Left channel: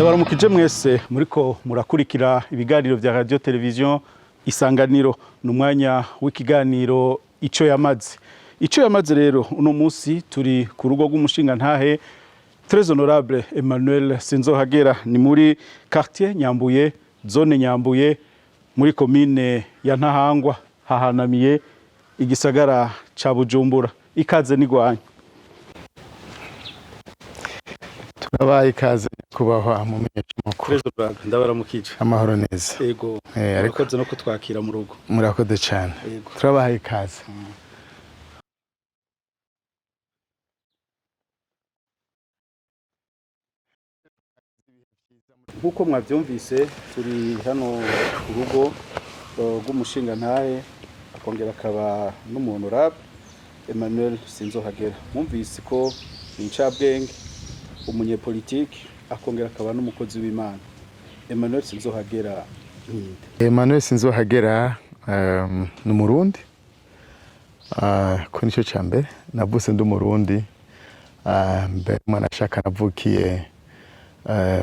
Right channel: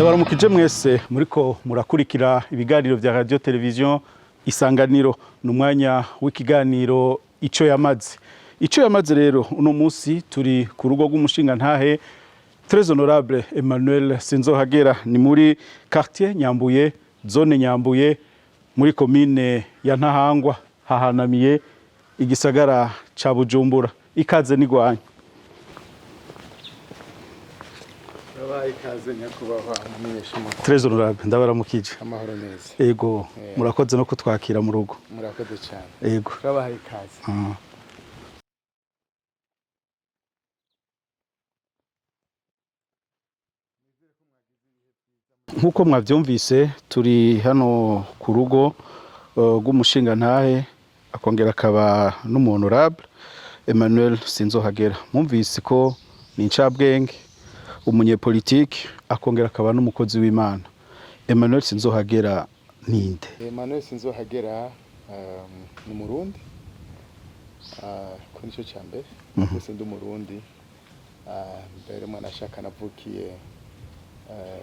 Ndabaramukije mwese muriko murakurikira ibiganiro vya radio television Isanganiro n'umwanya w'ikiganiro ico yamaze rero uno munsi turi ku rugo rw'umushinga ntahe Très honorable Emmanuel Sinzohagera ni muri quartier Nyambuye zone Nyambuye muri commune ya Ntahangwa hahanamiye igisagara ca Bujumbura ikaze nigwanya Nabaye ikaze nyakubahwa mumenyesha makuru. Très honorable ndabaramukije Amahoro neza. Yego murakoze no kutwakira mu rugo. Murakoze cyane. Yego turabahaye ikaze. Nkuko mwavyumvise turi hano ku rugo rw'umushinga ntahe akongera akaba n'umuhonorable Emmanuel Sinzohagera. Mumvise ko ni incabwenge umunyepolitiki akongera akaba n'umukozi w'Imana. Emmanuel Sinzohagera ninde? Emmanuel Sinzohagera ni Umurundi. Ko nico cyambere navuse ndi Umurundi. Mbere mwana shaka navukiye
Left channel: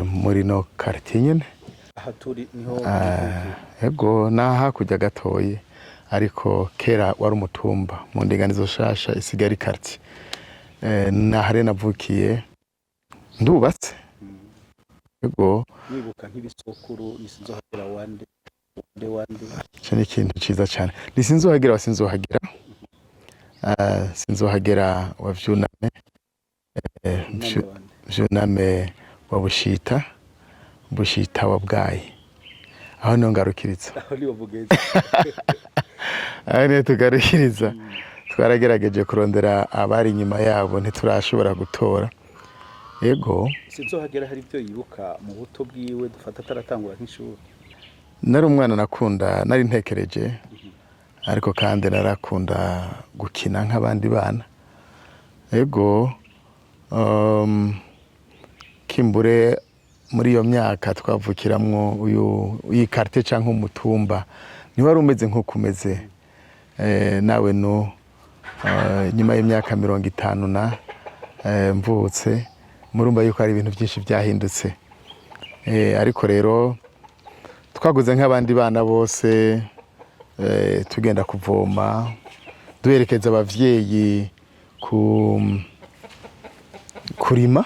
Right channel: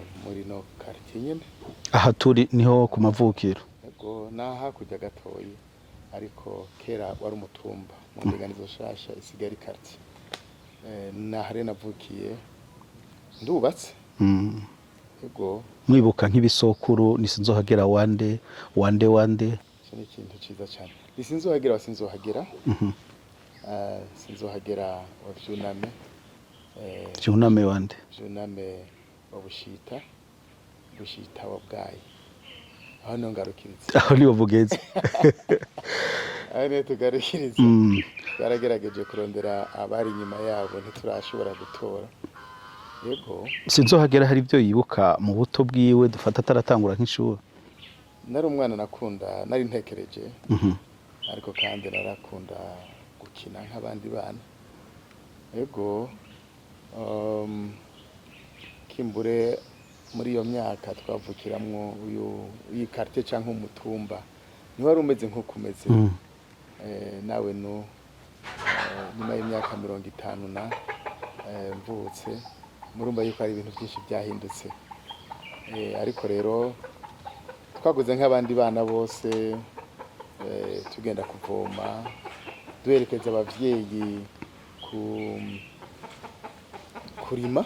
muri no quartier nyene. Aha turi niho umuvukira. Yego naha kujya gatoyi ariko kera wari umutumba mu ndinganizo shasha isigari quartier. Nahare navukiye ndubatse. Yego mwibuka nk'ibisokuru ni Sinzohagera wande. Cyane ikintu ciza cyane. Ni Sinzohagera wa Sinzohagera. Sinzohagera wa Vyuname. Vyuname wande. Vyuname wa Bushita wa Bwayi. Aho niho ngarukiriza. Aho niho bugeze. Aho niho tugarukiriza. Twaragerageje kurondera abari inyuma yabo ntiturashobora gutora. Yego Sinzohagera hari ibyo yibuka mu buto bwiwe dufata ataratangura nk'ishuri. Nari umwana nakunda nari ntekereje. Ariko kandi narakunda gukina nk'abandi bana. Yego kimbure muri iyo myaka twavukiramwo uyu quartier canke umutumba ni wari umeze nko kumeze nawe no nyuma y'imyaka 50 na mvutse murumva yuko ari ibintu byinshi byahindutse ariko rero twaguze nk'abandi bana bose tugenda kuvoma duherekeza abavyeyi kurima.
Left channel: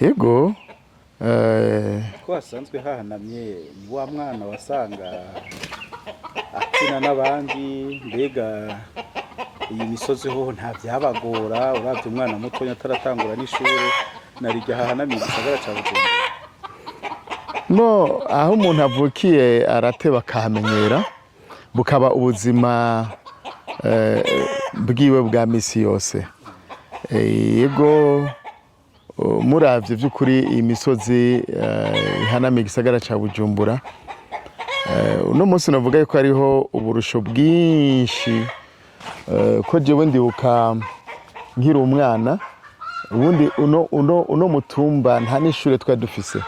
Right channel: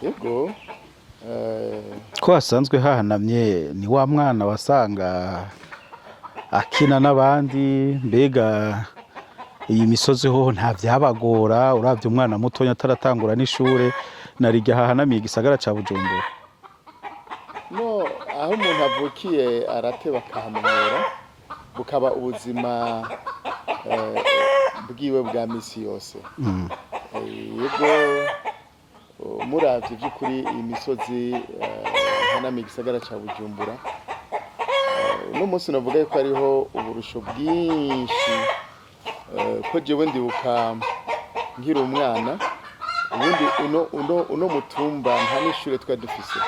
Yego ko hasanzwe hahanamye ni wa mwana wasanga akina n'abandi mbega iyi misozi ho nta byabagora uravye umwana mutonya ataratangura n'ishure narijya hahanamiye igisagara ca Bujumbura. No aho umuntu avukiye arateba akahamenyera bukaba ubuzima bwiwe bwa misi yose. Yego muravye vy'ukuri iyi misozi ihanamiye igisagara ca Bujumbura uno munsi navuga yuko ariho uburusho bwinshi ko jewe ndibuka nkiri umwana ubundi uno mutumba nta n'ishure twari dufise.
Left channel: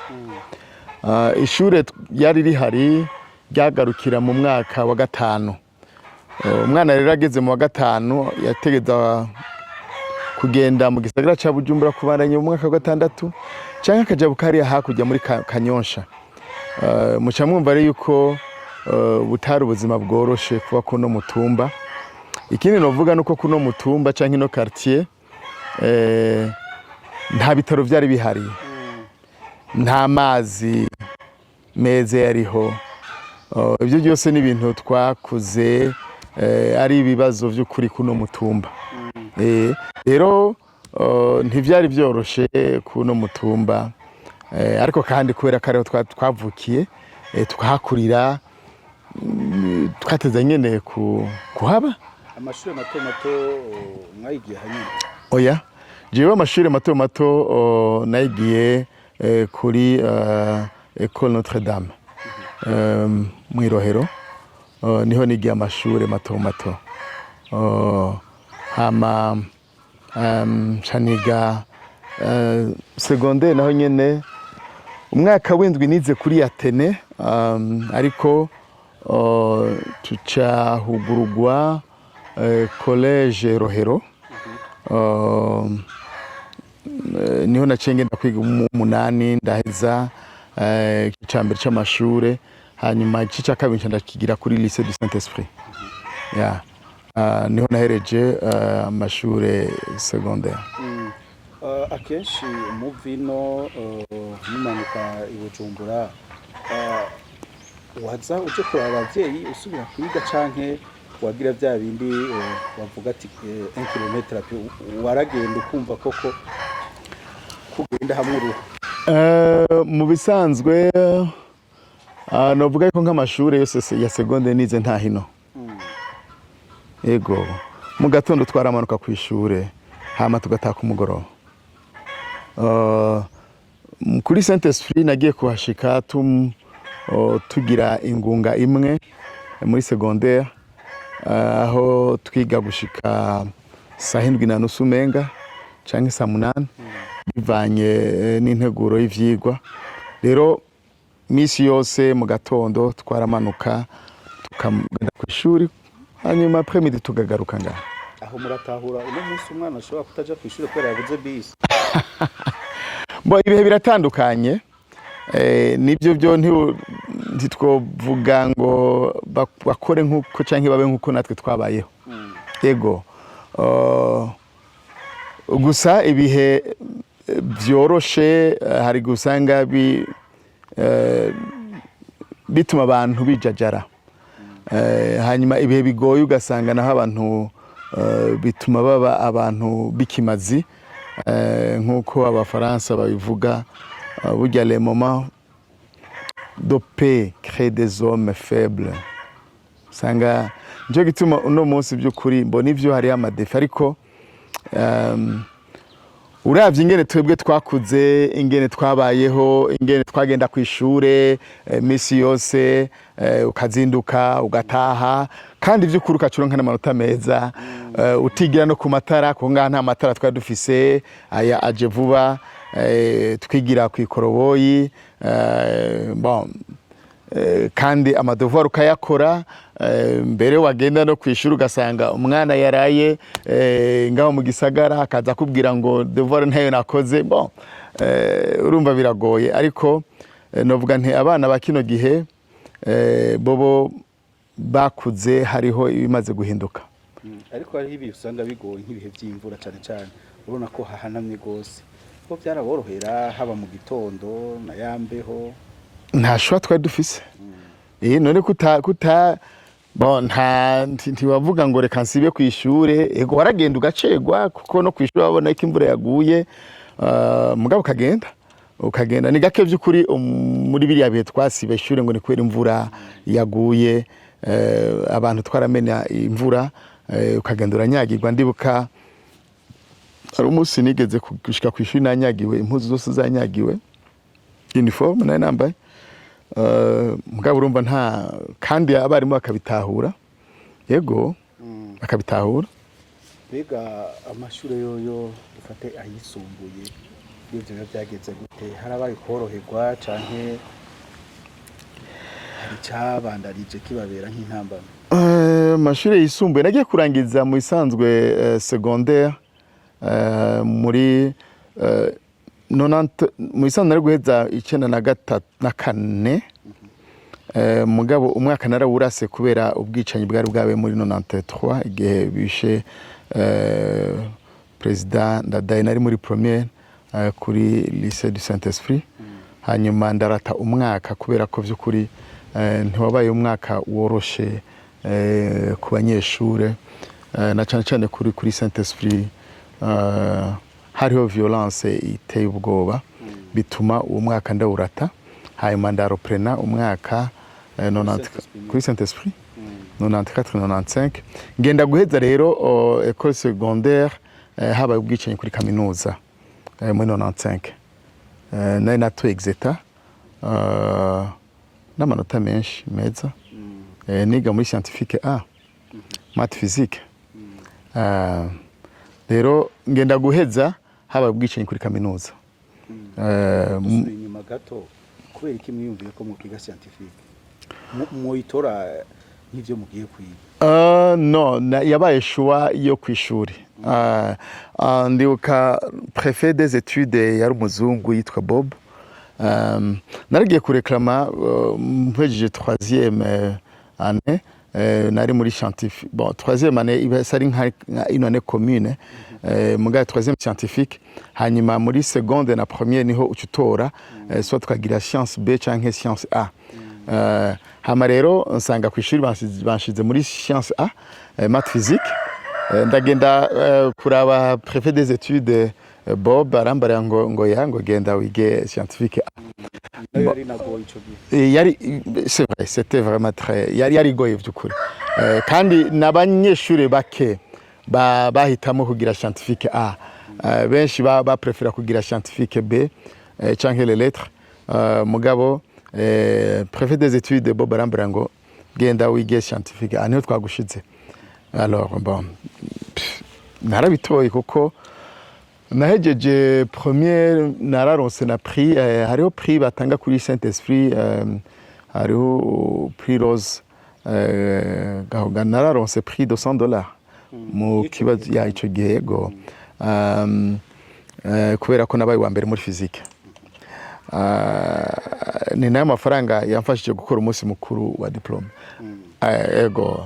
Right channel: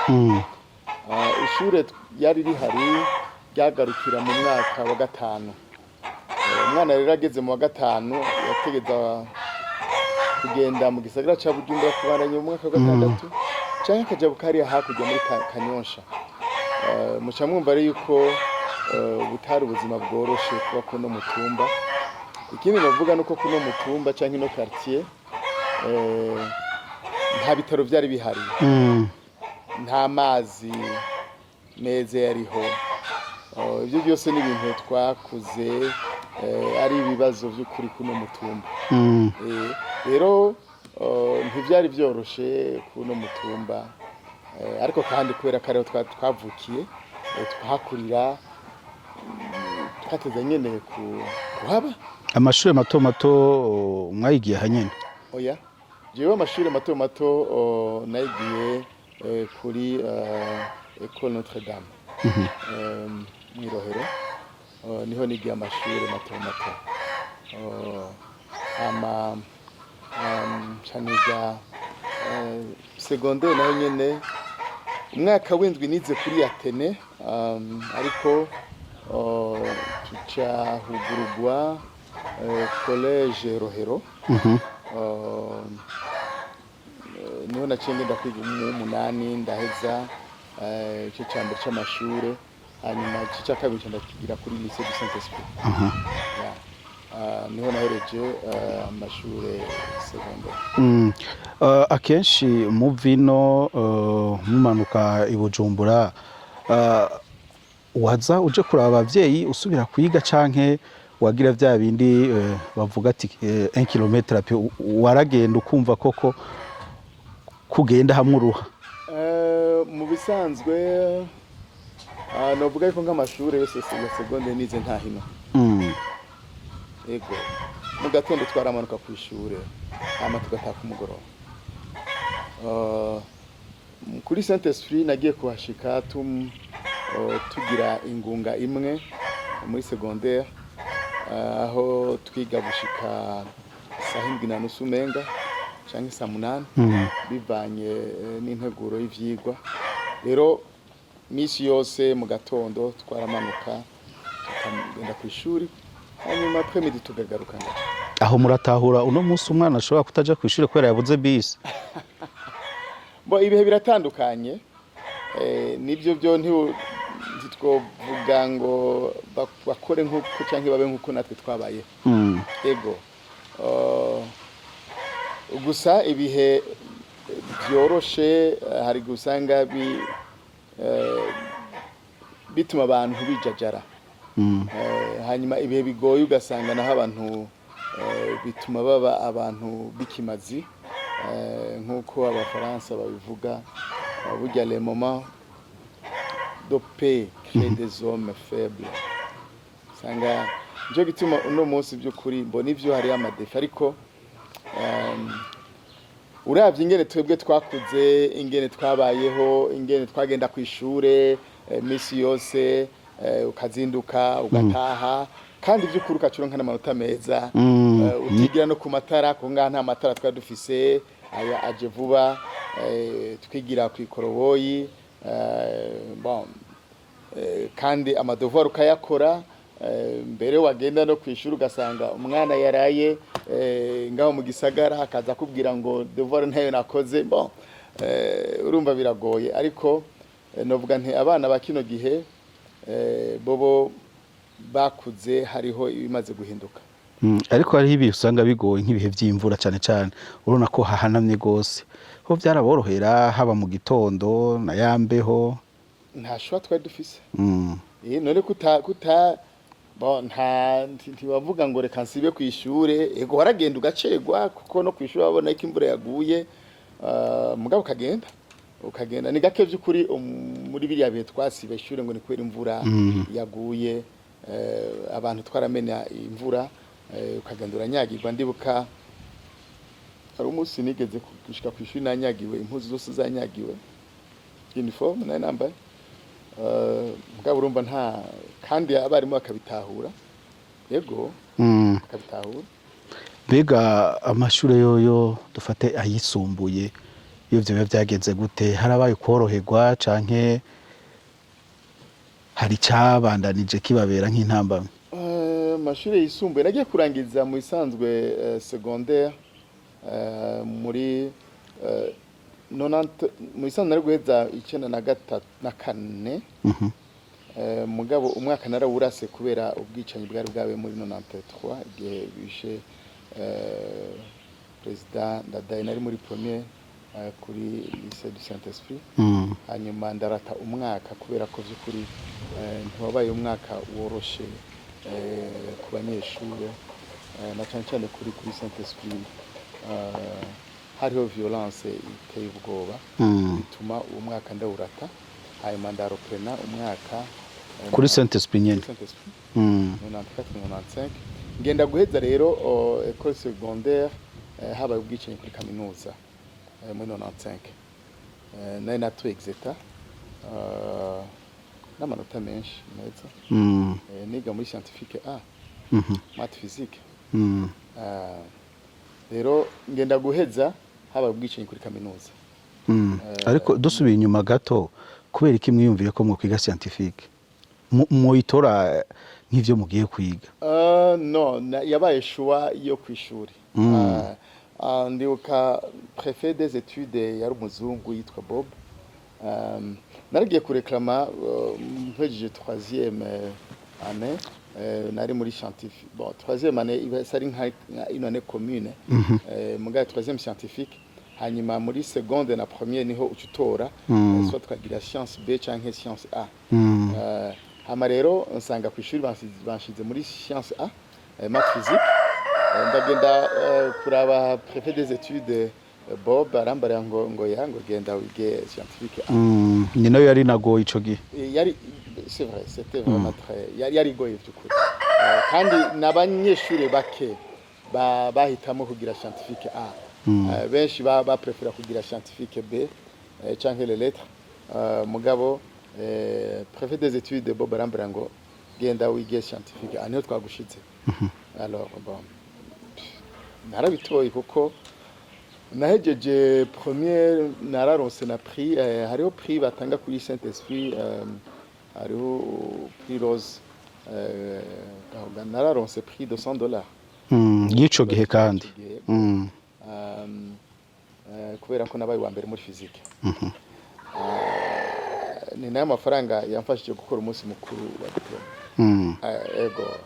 Ishure yari rihari ryagarukira mu mwaka wa 5. Umwana rero ageze mu wa 5 yategeza kugenda mu gisagara ca Bujumbura kubandanya mu mwaka wa 6 canke akaja bukariya hakurya muri Kanyosha. Muca mwumva rero yuko butari ubuzima bworoshe kuba kuno mutumba. Ikindi novuga nuko kuno mutumba canke no quartier nta bitaro byari bihari. Nta mazi meze yariho. Ibyo byose ni ibintu twakuze ari ibibazo by'ukuri kuno mutumba. Rero ntivyari byoroshe kuno mutumba ariko kandi kubera kare twavukiye tukahakurira twateze nyene kuhaba. Amashuri mato mwayigiye hanyene? Oya jewe amashuri mato nayigiye kuri École Notre Dame mu Irohero niho nigiye amashuri mato hama chaniga secondaire naho nyene umwaka w'indwi nize kuri Atene ariko tuca hugurugwa college Rohero niho naciye ngenda kwiga umunani ndaheza ica mbere c'amashure hanyuma igice cya kabiri ndakigira kuri lycée du Saint-Esprit. Yeah. Niho nahereje amashure secondaire. Akenshi mu vino mumanuka i Bujumbura waza uje kuraba abavyeyi usubira kwiga canke wagira vya bindi bavuga ati 1 kilometre waragenda ukumva koko kugenda hamwe uruha? Mu bisanzwe novuga ko nk'amashure yose ya secondaire nize nta hino. Ego mu gatondo twaramanuka ku ishure hama tugataha ku mugoroba. Kuri Saint-Esprit nagiye kuhashika tugira ingunga imwe muri secondaire aho twiga gushika saa 7:30 umenga canke saa 8 bivanye n'integuro y'ivyigwa. Rero misi yose mu gatondo twaramanuka tukagenda ku ishuri hanyuma après-midi tugagaruka ngaho. Aho muratahura uno munsi umwana ashobora kutaja ku ishuri kubera yabuze bisi? Ibihe biratandukanye, nibyo byo ntitwovuga ngo bakore nk'uko canke babe nk'uko natwe twabayeho. Yego gusa ibihe byoroshe hari gusanga bituma abantu bijajara, hanyuma ibihe bigoye ugasanga naho abantu bituma baba abantu bikimazi, nk'uko abafaransa babivuga burya les moments de paix créent des hommes faibles. Usanga njo gituma uno munsi by'ukuri mbona ivyo hari amadefi, ariko uravye ingene twebwe twakuze, ingene twabayeho, ingene twagenda ku ishure misi yose, ukazinduka ugataha kandi by'ukuri ukacuronka n'amanota meza, utigira no ku matara ko ngaha nta matara twari dufise, aya aje vuba, twigira ku ikoroboyi, kandi amadevoir ukayakora, mbere wagenda no kwishura ugasanga umwana yaraye ngaho mu gisagara akaza kubwira ngo devoir ntayo nakoze. Urumva biragoye, ariko novuga nti abana bakino gihe bobo bakuze hariho ibimaze guhinduka. Ariko hariho ibihe usanga bigoye nk'ibihe by'imvura cyane cyane, urabona ko hahanamye gose, ko byaraborohera haba mu gitondo na yambeho nta shwa twari dufise. None ntiwavuga ngo reka nsibe ku ishure, ego waragenda ugacegwa kuko no ku ishure wabona ko imvura yaguye, mugabo ukagenda ni gake by'ukuri. Muri biriya bihe twasiba ishure ngo ni kubera imvura yaguye, abantu twaramenya imvura, ukagenda uranyagirwa. Ndibuka hari umunsi nigeze gushika ku ishuri nanyagiwe, impuzu zose zanyagiwe, uniforme nayo nambaye, mugabo urumva nta, kandi abarimu bakabitahura, yego bakabitahura. Mbega amashure yoyo dufate ayisumbuye, iyo byo byagenze gute? Harabaye koroherwa canke hari cyabandanije kibabera nk'intambamye? Amashure yisumbuye nagiye kurangiza mu isanzwe secondaire muri mu isanzwe nari guheza 1994, mugabo umwaka narawurase kubera ubwicanyi bwari bwabaye muri 93 igihe bishe president Ndadaye. Nari muri première kuri lycée du Saint-Esprit, hanyuma ndarata umwaka kubera ko by'ukuri ntiwabaye umwaka woroshe ku banyeshure, na cyane cyane kuri Saint-Esprit hariho violence iteye ubwoba, bituma uwo mwaka ndawurata, hanyuma ndaroprena umwaka kuri Saint-Esprit 94-95 ngenda guheza rero école secondaire habaye ubwicanyi kuri kaminuza muri 95, nari natoye exeta n'amanota menshi meza, niga muri scientifique A, math physique. Rero ngenda guheza habaye ubwicanyi kuri kaminuza. Ariko dusubiye inyuma gato, kubera iki mwiyumviye ko mukwiga scientifique muyitora nk'ivyo mugiye kwiga? No, yabaye choix yo kwishuri. Ndibuka préfet des études yari umuzungu yitwa Bob. Naragiye kureklama mpejeje 3e année. Nari muri scientifique. Bon, 3e année iba sari nka une année commune. Muga 3e scientifique. Hanyuma muri seconde na première niho ucutora soit twagira science B canke science A. Hama rero nsanga ku ishuri banshize muri science A, math physique. Ndagenda kuraba préfet des études Bob arambara ngo genda wige scientifique A. Ni nayo yari nagoye ico gihe. C'est vrai, c'était vraiment très yari goye byukuri. Kandi n'abanyeshuri bake bahitamo kugira scientifique A. Benshi ba prefera kugira scientifique B canke les lettres. Mugabo préfet des études Bob arambara ngo genda wige scientifique A, niho twagushize. Alors bon, narabitoye kuko nahejeje première nararonse na prix, hariho prix batanga kuri Saint-Esprit, hariho prix Rose, nararonse prix $200 Yico gihe kandi ico gihe go kubera ko nabaye wa mbere muri physique. Ni nayo mafaranga yamfashije gukora umunsi mukuru wa diplome. Ego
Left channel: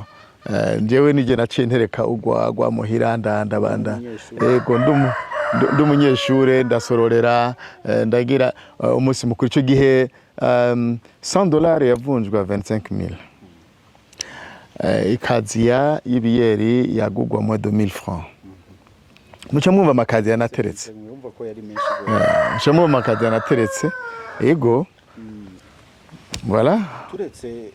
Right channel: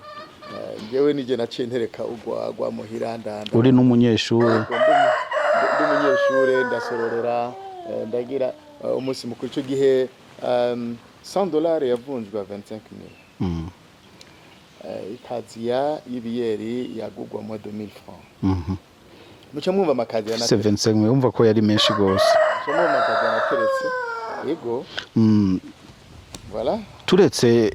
njyewe nije naciye ntereka ugwa muhira ndanda uri n'umunyeshuri. Ego ndumunyeshure ndasororera ndagira umunsi mukuru ico gihe $100 yavunjwa 25,000. Ikaziya y'ibiyeri yagugwa mu 2,000 francs. Muca mwumva amakazi yanateretse. 75 wumva ko yari menshi gose. Muca mwumva amakazi yanateretse. Ego. Voilà. Turetse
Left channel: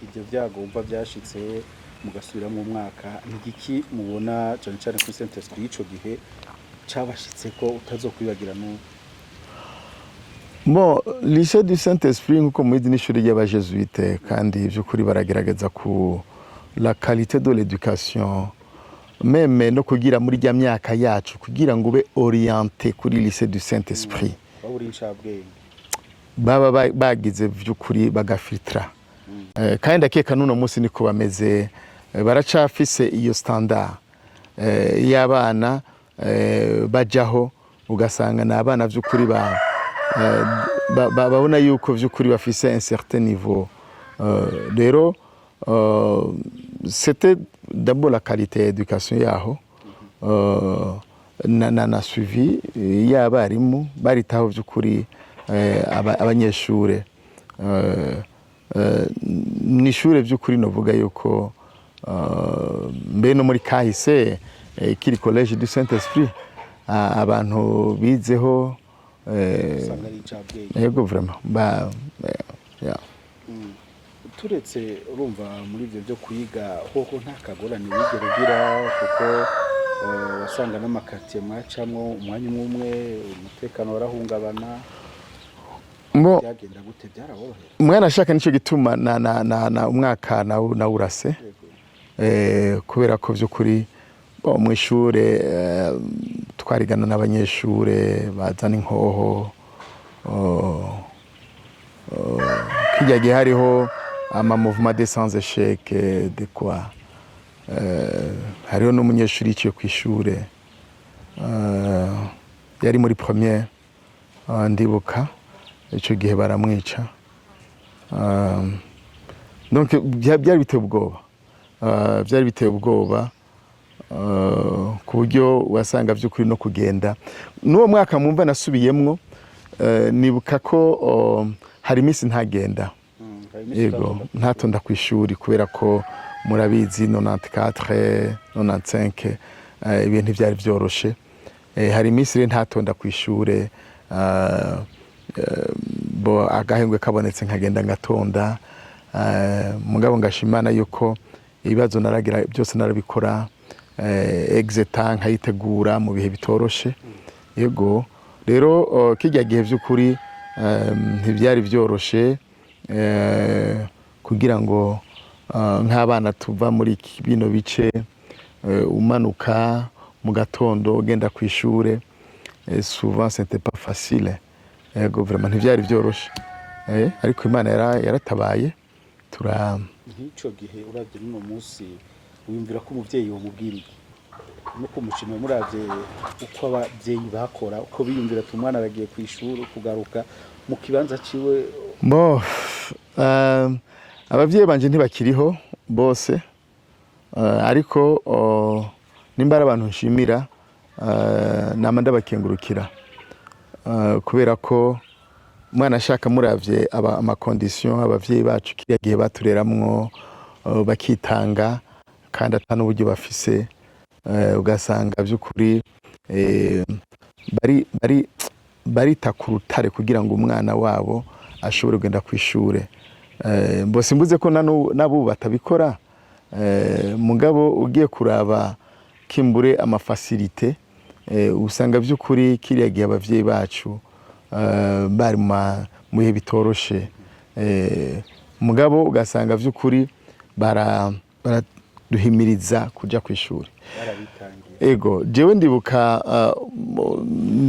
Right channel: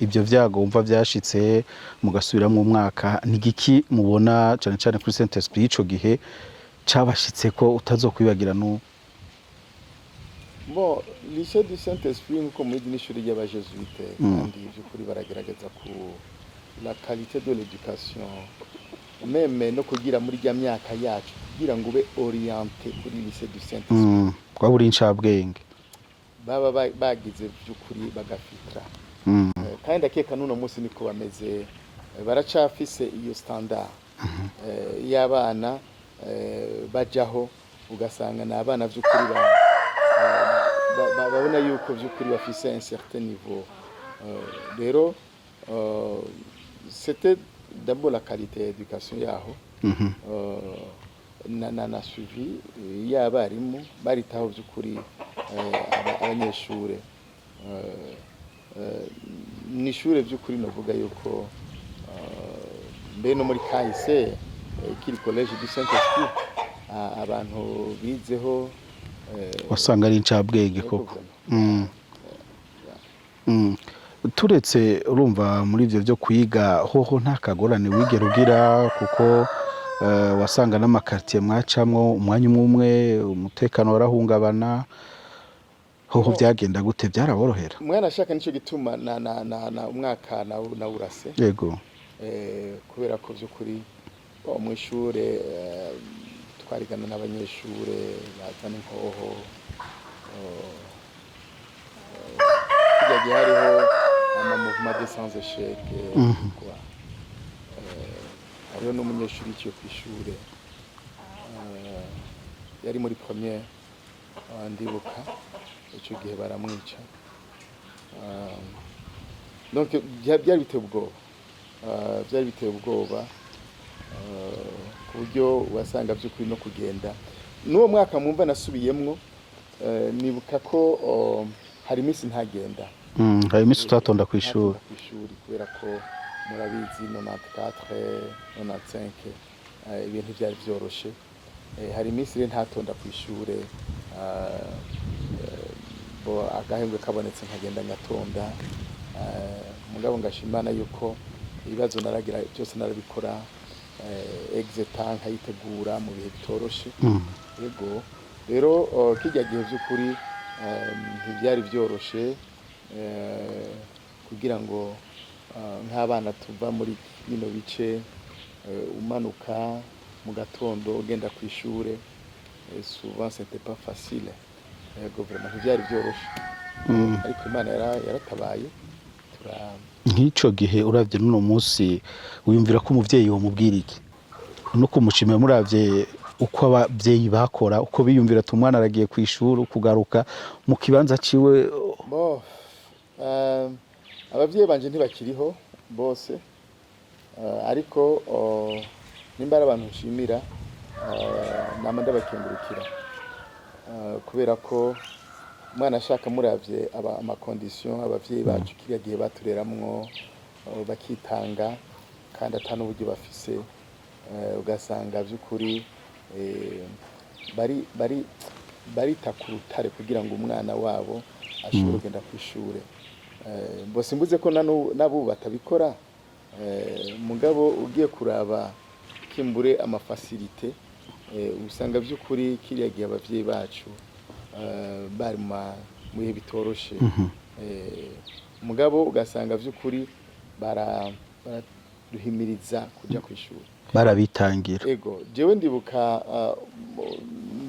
ibyo vyago wumva vyashitse mugasubira mu mwaka, nigiki mubona cyane cyane kuri Saint-Esprit ico gihe cabashitse ko utazokwibagira n'ubu? Bon, lycée du Saint-Esprit nkuko muri n'ishuri y'abajesuite kandi by'ukuri baragerageza ku la qualité de l'éducation, meme no kugira muri rya myaka yacu kugira ngo ube orienté kuri lycée du Saint-Esprit. Kwa buri ncabwenge baba bagize by'ukuri bagafiltra. Kandi ndakeka n'uno munsi niko bameze, baracafise iyo standard y'abana bajaho ugasanga na abana by'ukuri babona yuko by'ukuri bafise un certain niveau. Rero c'était d'abord la qualité d'éducation yaho. Na suivi y'abarimu baritaho by'ukuri abanyeshure. Nishure by'ukuri novuga yuko mbe no muri kahise kiri collège du Saint-Esprit abantu bizeho usanga ari ncabwenge. Yego vraiment. Turetse urumva muri ivyo byo kwiga hoho nta kagorane wigera ugira kuko wasanga n'amakartier mwacamwo umwanya umwe umutekano warahungabana, ngo byagenda gute? Byaraborohera? Mwana ashaka nico gituma na umwaka na urase. Yego. Kubera ko by'ukuri mu ishure twarigana n'abanyeshure bazana inkoho, kijya gihe hariho ama mouvement de sans échec de quoi. Hariho n'umunyeshuri yiciye ku ishure yari muri première, ndibuka ico gihe baramwica. Donc byari biteye ubwoba, byari biteye ubwoba ku buryo wasanga by'ukuri no kugenda n'uwo mwaka mwumva nasubiyemwo. Nibuka ko hari iminsi ntagenda, hari iminsi ntatonda ku ishuri kubera ko murabizi 94 95 ibintu byari byoroshe. Hari iminsi rero ntatonda ku ishure, bo agahengwe kabonetse nkagenda ngatonda. Mugabo ngashimana yuko ibibazo naragira byose narabikora, exetan nkayitegura mu bihe bitoroshe. Yego rero kijya gihe by'ukuri ntibyari byoroshe kugira ngo nk'abana tuva muri bino bice umanuka mu gatondo ugenda ku ishure, souvent c'était pas facile. Yego vraiment ntibyari byoroshe. Ariko Imana yaratabaye nk'ico gihe uravye n'uno munsi wiyumvira ko umuvyeyi womubwira iki no kumushimira muravye uko abavyeyi bakora uko biyumvira ati umwana aragiye ku ishuri kugaruka mu kibanza ciwe abavyeyi banje ntibakiriho bose ariko nimba ari abantu nshimira nama ndabakengurukira kubera ko umwana ashaka muravye amakondisiyo abavyeyi bacu kiriya gihe batureramwo bakitanga kandi ata n'uburyo bafise ugasanga by'ukuri barita ku rutare kugira ngo umwana wabo ashobore kugenda ku ishure mbose mbuze ko nabo batabikora mugabo ugiye kuraba kimbure amafasilite usanga by'ukuri kiriya gihe abavyeyi bacu bari mu bihe bitoroshe mugabo ugasanga by'ukuri baraduhimiriza kuja ku ishuri barabitangira ego jewe ndibuka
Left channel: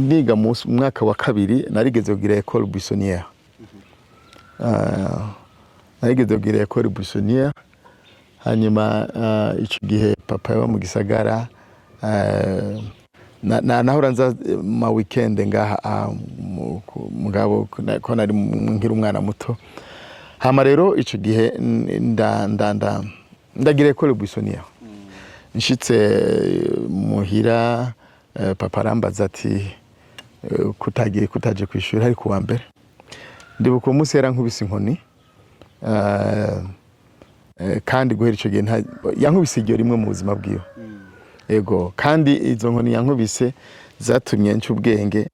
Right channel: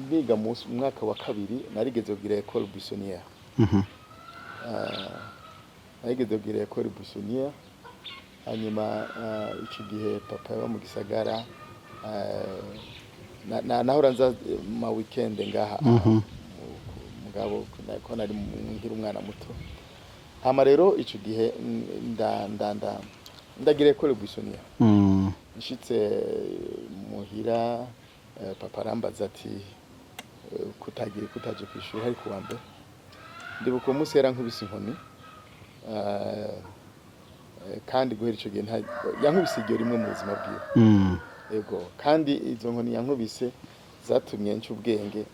niga mu mwaka wa kabiri narigeze kugira école buissonnière narigeze kugira école buissonnière hanyuma ico gihe papa yaba mu gisagara nahora nza ma weekend ngaha mugabo ko nari nkiri umwana muto hama rero ico gihe ndagira école buissonnière nshitse muhira papa arambaza ati kutaje kwishuri hari kuwa mbere ndibuka umunsi yarankubise inkoni kandi guhera ico gihe yankubise iryo rimwe mu buzima bwiwe ego kandi izo nkoni yankubise zatumye nca ubwenge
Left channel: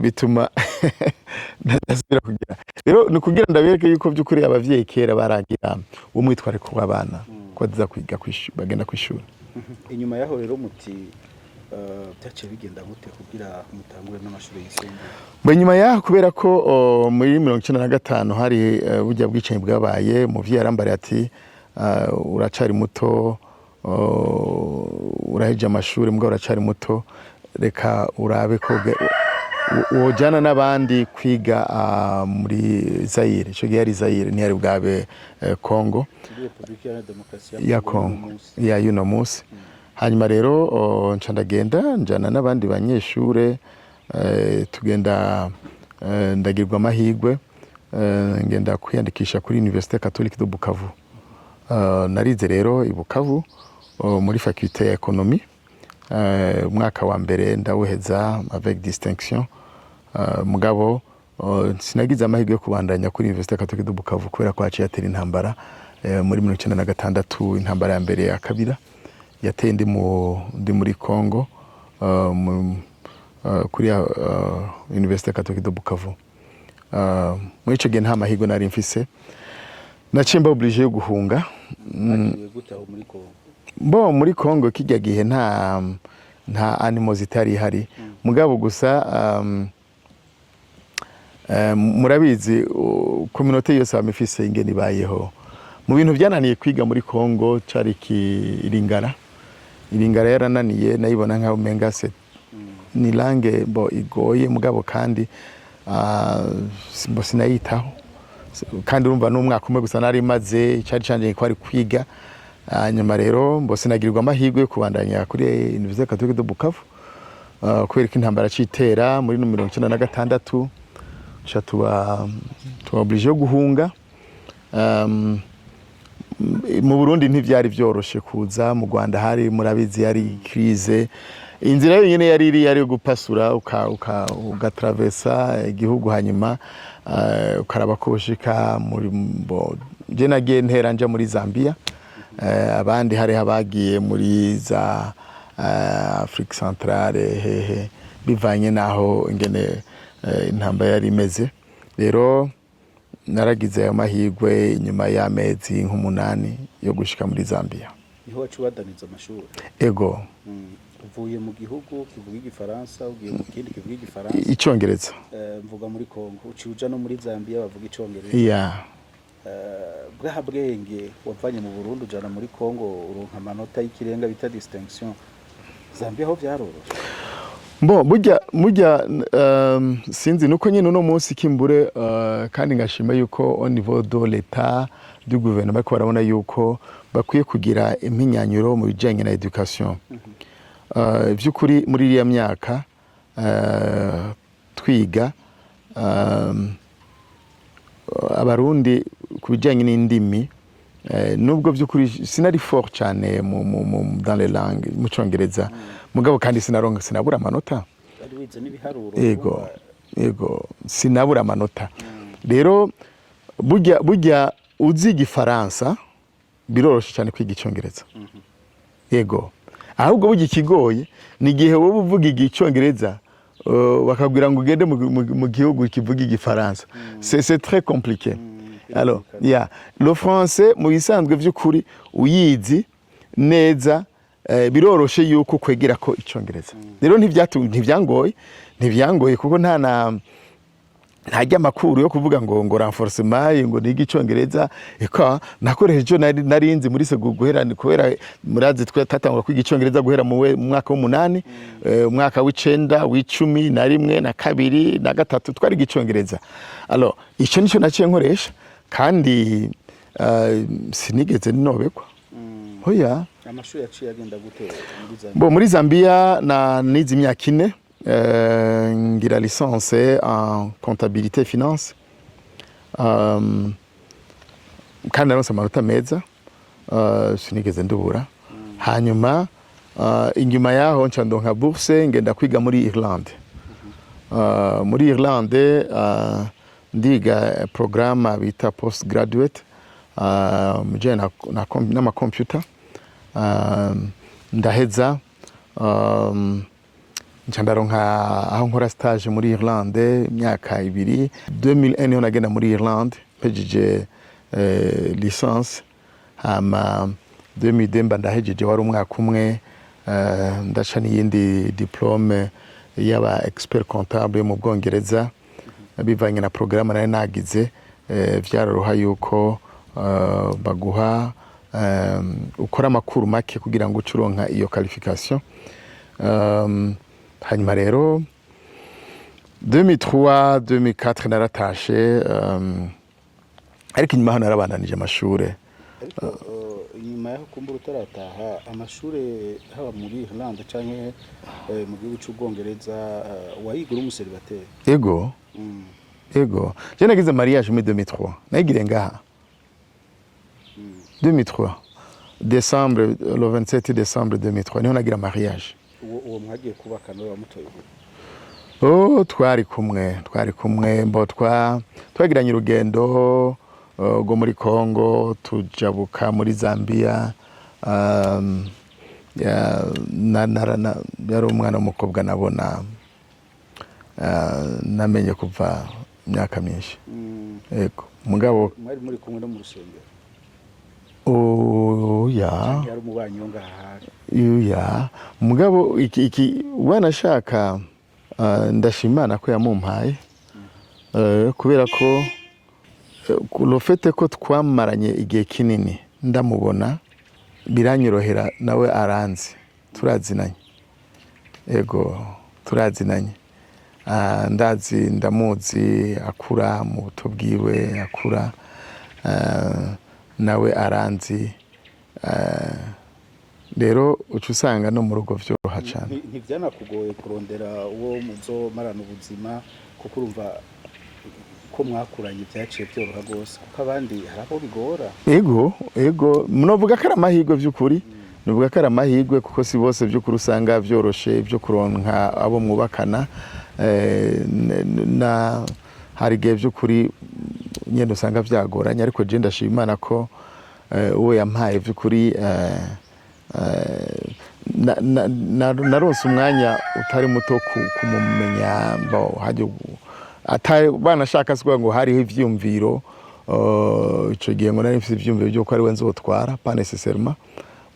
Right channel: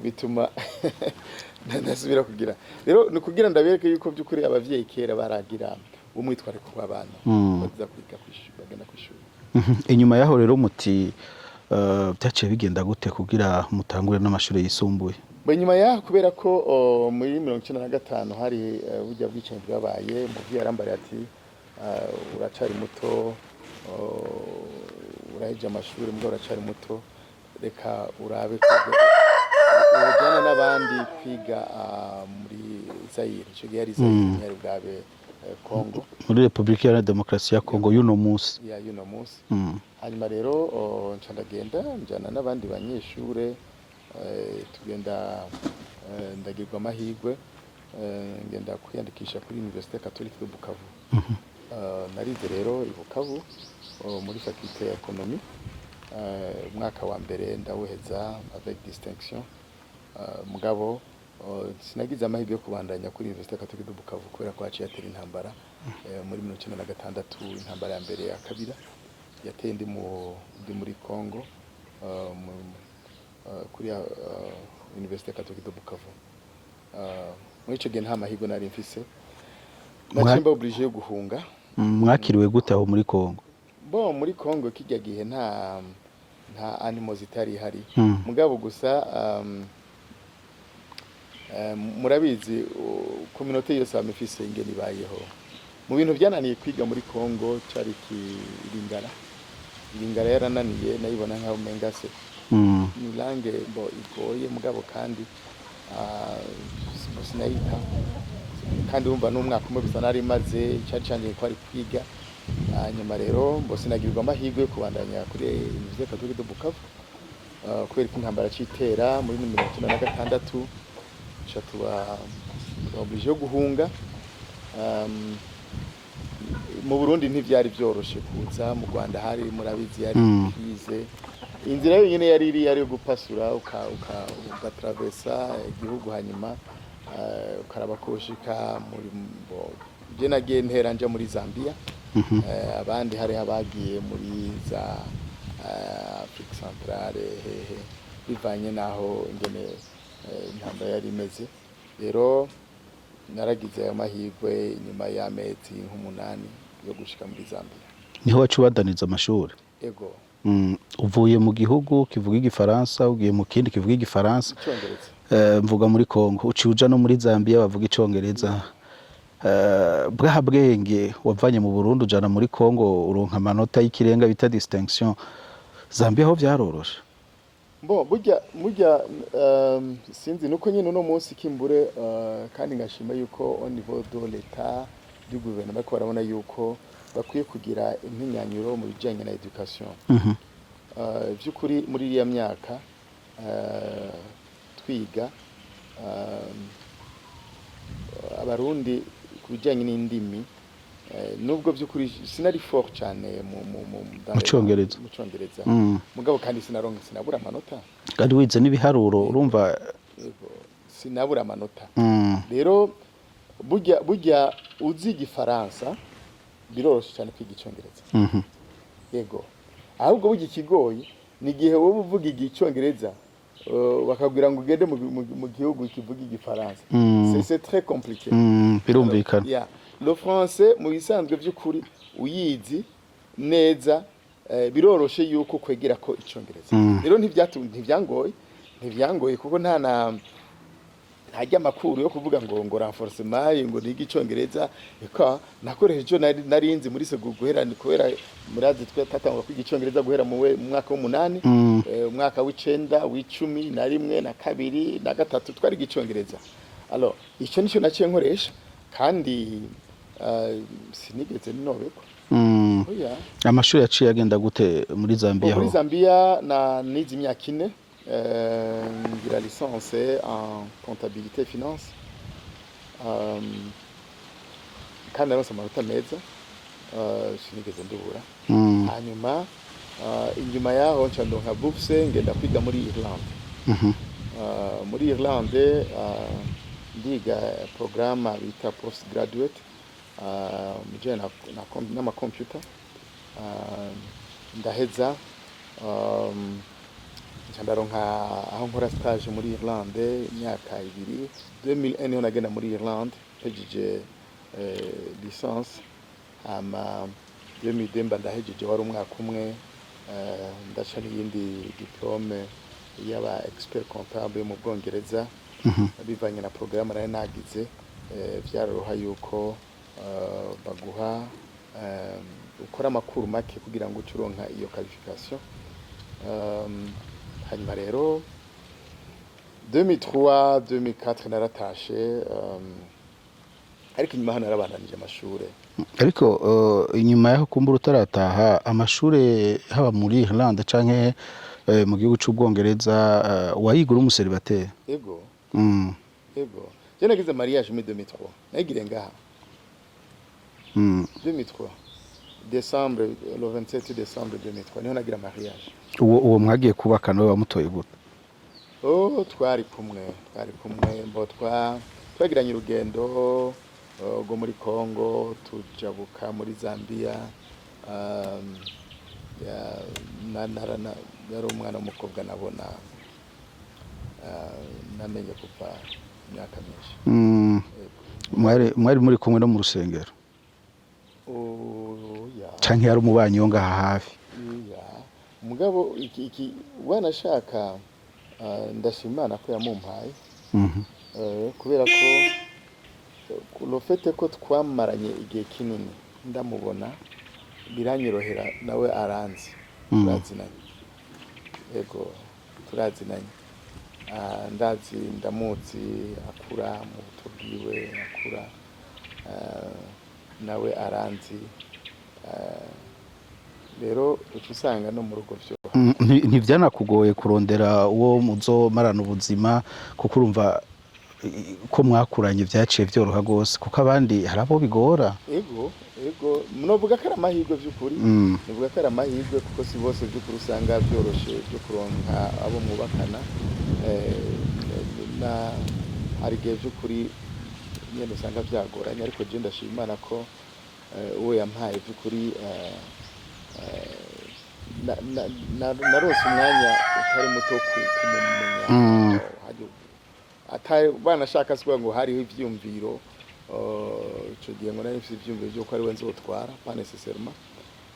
bituma nasubira kugira rero ni kugira ndabereke yuko by'ukuri abavyeyi kera baragira umwitwariko w'abana ko baza kwiga bagenda ku ishuri inyuma yaho rero muti byaciye bigenda gute kugira mutangure n'amashuri yisumbuye nyuma yaho kubera ko muri 1995 hari burya bwicanyi bwabaye umuvyeyi arambariye ati uracari muto uraheje amashuri mbwa uracari muto reka urabe ko wojana n'abandi kwiga muri Zaire ico gihe ari Zaire ntiyari bwabe Congo muri Republika ya Demokarasi ya Congo y'uno munsi hanyuma rero nca ndagenda njana n'abandi banyeshure tugenda ndagirwa amahigwe ngenda kwiyandikisha kuri Université Catholique de Bukavu narize rero i Bukavu muri faculté ya économie umwaka wa mbere ndawuheza avec distinction mugabo sinagize amahirwe yo kubandanya kuri Université Catholique de Bukavu kubera ko haciye atera intambara muri 1996 intambara ya mbere ya kabira yateye ndi muri Congo kuri Université Catholique de Bukavu muri ico gihe nta mahirwe nari mfise nacimba obligé yo guhunga mwakiriwe gute aho muri Congo muri Congo kijya gihe nta animosité yari ihari mugabo gusa murabizi communauté yose bamifise ingene ibayeho mu bintu byananiye kwiga muri Congo cari Iringara yarananiye nayibona nkaho menga se ni langue igoye mugabo kandi sinayitaho kandi urumva n'umwaka umwe gusa nari maze cari canje ko ari kwiga hanyuma rero sinagirirwa amahirwe yo kubandanya kuri Université Catholique de Bukavu kubera ko intambara citera muri 1996 tuba obligé yo guhunga mu Burundi ntivyari byoroshe kuza mu Rwanda hari murabizi yari crise inzira yonyene yari yo gupasura ugatravesa igihugu hanyuma ukaraba ko ushika muri je nagiye ntera nja muri Zambia abandi hari abagiye muri za Afrique Centrale hehe bivanye naho ingene intambara yari imeze rero naragize ayo mahirwe nyuma y'amezi nk'umunani yo gushika muri Zambia niho wacubadaniza amashuri ego uvuye mu gihugu kivuga igifaransa ugiye mu kindi kivuga igifaransa icongereza mvuga muri Congo uciuja no muri Zambia bavuga icongereza bwa bwenge wavanye mu Burundi ujana muri Congo uronka amanota y'ikirenga bita distinction Zambia ho byaroroshe burya sinzi nuko nyine uno munsi kimbure kandi ngashima yuko au niveau de l'État du gouvernement ariko barabona yuko bakwiye kugira impinyanyuro mu bijyanye na education. By'ukuri muri iriya myaka twiga abarundi ku bijyanye n'indimi nubwo by'ukuri sinari fort cyane mu Congereza mugabo kandi sinabura amanota kandi wize n'ibiharuro urumva yego sinabura amanota rero burya uzi igifaransa biroroshye cyane kwiga icyongereza yego ahubwo burya ikigoye ni igihe wowe uvuga icyongereza bakabwira ngo ugende mu gihugu kivuga igifaransa c'est très compliqué. Alors le français mu bisanzwe by'ukuri uyizi neza biroroshe yuko kwegera ko icyongereza rero ntibyangoye kuko ntajya amakuru yo kuvuga ngo renforcement ngo nige icyongereza eka nakoresheje narinzi muri guhera kubera murazi twatangura kwiga icyongereza guhera mu mwaka w'8 umwaka w'9 w'10 na rimwe na kabiri na gatatu twariga icyongereza. Alors icyo nicyo naciye nkoresha kandi sinigeze ninobekwa. Oya amashuri yaciye agenda gute muri Zambia? Muri Zambia nize imyaka 4 ngira licence en comptabilité et finance kandi naronse amanota meza sinigeze ndubura hanyuma inyuma yaho nca ndonka bourse ngenda kwiga muri Irlande. Muri Irlande ndiga programme bita post graduate mujyana n'ama computer ndaheza ndaronka aho nkora stage muri Irlande imyaka 2 2001 niho nagenda muri Irlande pejeje licence hama 2002 ndahejeje wari umwaka umwe ndaca n'iyindi diplome y'aba expert comptable mu Bwongereza bivanye na programme nari nagize byaroroha yuko baguha ukora amakuru make kugira ngo ucuronka iyo qualification. Hanyuma rero 2003 2004 naratashe ariko inyuma hano narabandanije amashure ariko inyuma yaho kumbura utarataha amashure haba muri Irlande canke mu gihugu c'Ubwongereza wayigura umuseribateri? Ego je nagize mariage muri 2003 nayigire ngaha 2003 décembre le 27 décembre 2003 niho nagira mariage. Uwo mwagiye kubaka nawe wamutoye gute? Twari kumwe mbo twagiranye urugendo go muri Congo tujabuka muri Zambia yari umwana w'umukobwa nabona namenye kuva imyaka myinshi. Yego mwari muri kumwe no mu rusengero? Ya canke yari umubanyi wo ngaha hafi? Ya mugabo iki wanashaka ndashimana ko yamumpaye kubera ko lofete ko twamaranye igihe kinini ndamubona biranyorohera nawe aranzi turazinanye. Yego turazinanye ndazi ndamuzi akura mu buto bwiwe akura nawe aranzi rero ucusanga no mu rugo vyoroha cyane. Ntivyanakugoye kurondera uwo muzomarana ubuzima kuko urumva ko mwakuranye vyaciye vyoroha gose kuko abandi harabo bigora? Ego munovuga ko aramahirwe vy'ukuri novuga ko aramahirwe kuko si bose vy'ukuri usanga vyoroshe byo kuronka abo mwubakana na hari gihe vy'ukuri nyene usanga vyagoranye ariko je ndashima Imana ko uwo yampaye vy'ukuri naronse umwanya utari muto kumumenya haje banashaka sikuvuga ngo hariho ivyumviro ico gihe ngo nari mfite ivyumviro byo ko ari we nzotwara pas nécessairement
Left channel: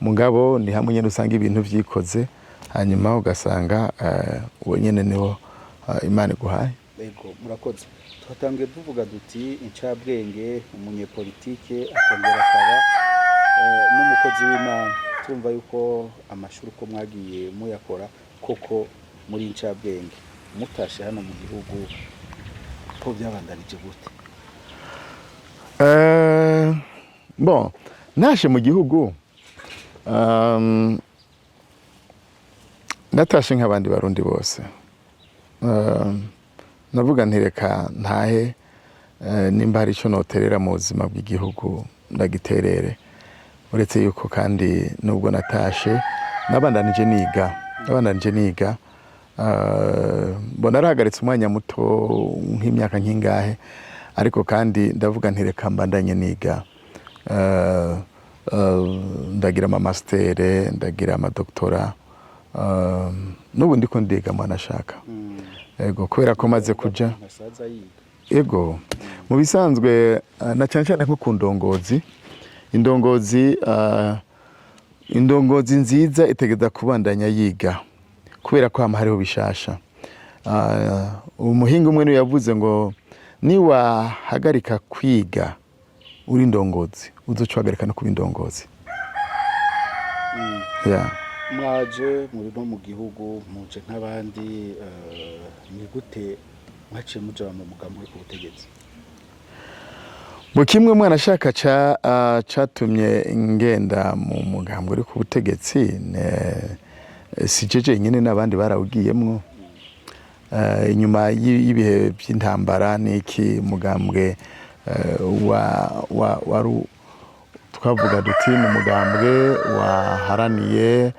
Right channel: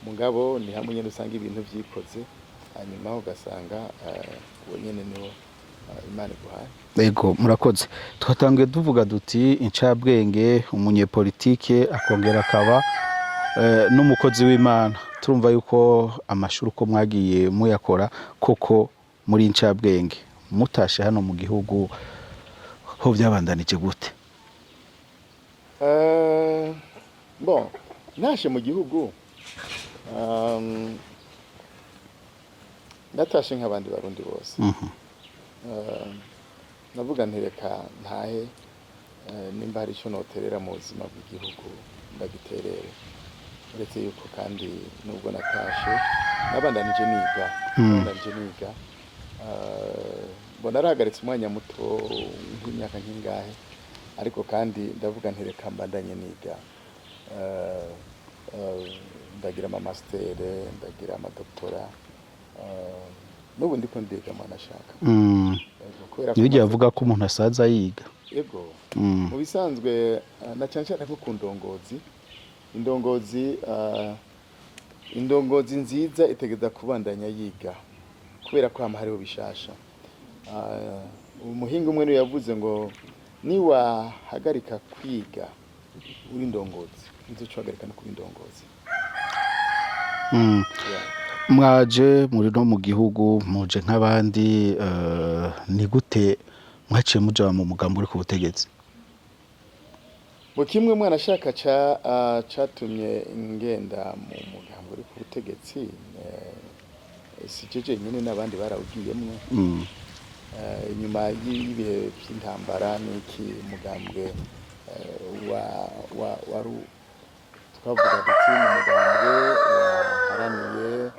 mugabo ni hamwe nyene usanga ibintu vyikoze hanyuma ugasanga uwo nyene niho Imana iguhaye. Ego murakoze. Twatangiye tuvuga duti incabwenge umunyepolitike akongera akaba n'umukozi w'Imana. Turumva yuko amashuri uko mwagiye muyakora koko muri incabwenge mutashe hano mu gihugu ko byabandanije gute? bon nashe mu gihugu natashe nk'abandi barundi bose. Navuga ntireka ntahe nimba hari icyo noterera mu buzima bw'igihugu ndagiterere, uretse yuko kandi nubwo natashe nabandanije niga mbona narahagaritse umwanya muto nk'imyaka nk'ingahe, ariko kandi ndavuga ntireka mbandanye niga, ndagira amamastere, ndagira amadoktora, n'ubu ndiko ndiga mwanashaka. Ego kubera ko maze kuvuga ko umuntu asaza yiga. Ego mu bisanzwe na cyane cyane nko ku ndongozi, indongozi nziza itegeza kubandanya yiga kubera ko hama hariho bishasha. Umuhinga umwe niwe yavuze ngo niwahagarika kwiga uri indongozi uzoca uhagarika no kuba indongozi. Mwaje muri no mu gihugu muje nk'abandi, ni gute mwaciye muja mu mugambo uri ku butegetsi? Mu kimwe mwana shaka catumye ngenda mu mugambo uri ku butegetsi, si jeje nyine n'abandi barawugiyemwo. Inyuma y'ibihe by'intambara n'iki mugambwe twavuga duti ni umugambwe waharaniye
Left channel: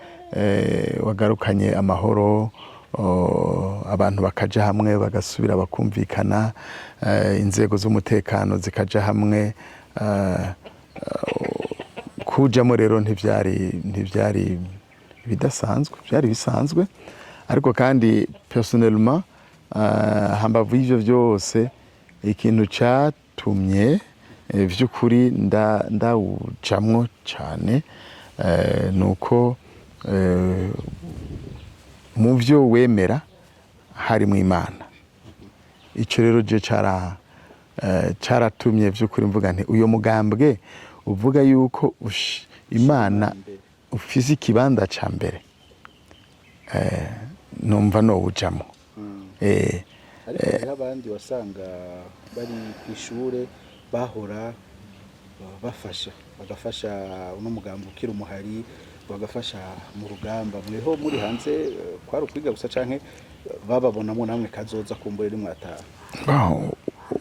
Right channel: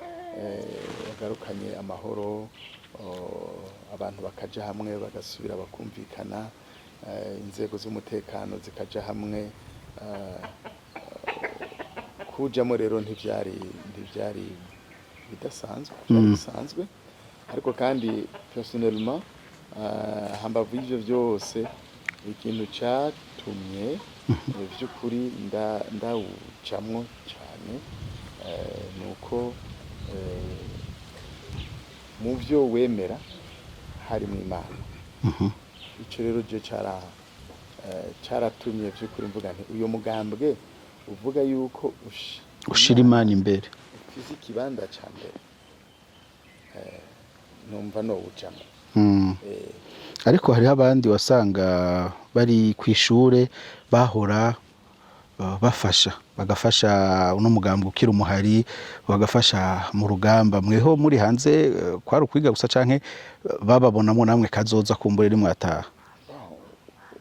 wagarukanye amahoro, abantu bakaja hamwe bagasubira bakumvikana, inzego z'umutekano zikaja hamwe, kujamo rero ntivyari bidasanzwe, byari bisanzwe, ariko kandi personnellement hambavu y'ivyo vyose ikintu catumye vy'ukuri ndawujamwo cane nuko mu vyo wemera harimo Imana. Ico rero je caratumye vy'ukuri mvuga nti uyo mugambwe uvuga yuko ushira Imana imbere, ufise ikibanza ca mbere, numva nowujamwo. Ariko hariho abandi wasanga bari kw'ishure bahora bagafasha uno mugambo ukira umuhari, bagafasha mu rugamba. Mweho muri hanze kwari ukwiga gusa canke bababonamo namwe kazoza kumbure rimwe ataha?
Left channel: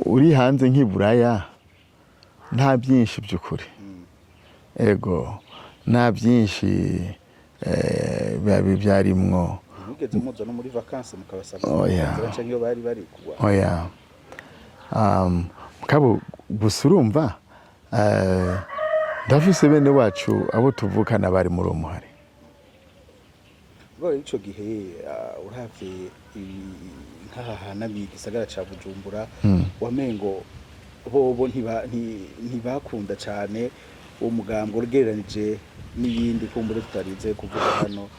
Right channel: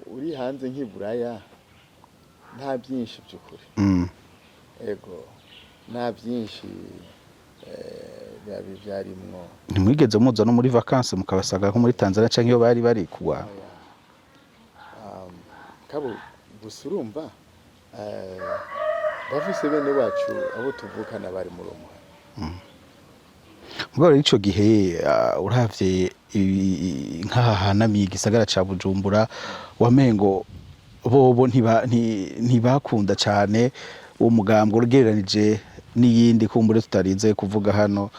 Uri hanze nk'iburaya nta byinshi by'ukuri. Ego nta byinshi byarimwo. Ntimwigeze muza no muri vacances mukabasaga muri Tanzania canke iyo bari kuwa? Oya. Kabo gusa urumva ndafise bene wacu abo tuvukana bari muri umuhari. Ngo ico gihe uravye nk'ahanamiye igisagara ca Bujumbura, wamengo bobo ntibakunda cane uwo mugambo ugereranije n'iyindi kumbure tutarinze kuvuga hano,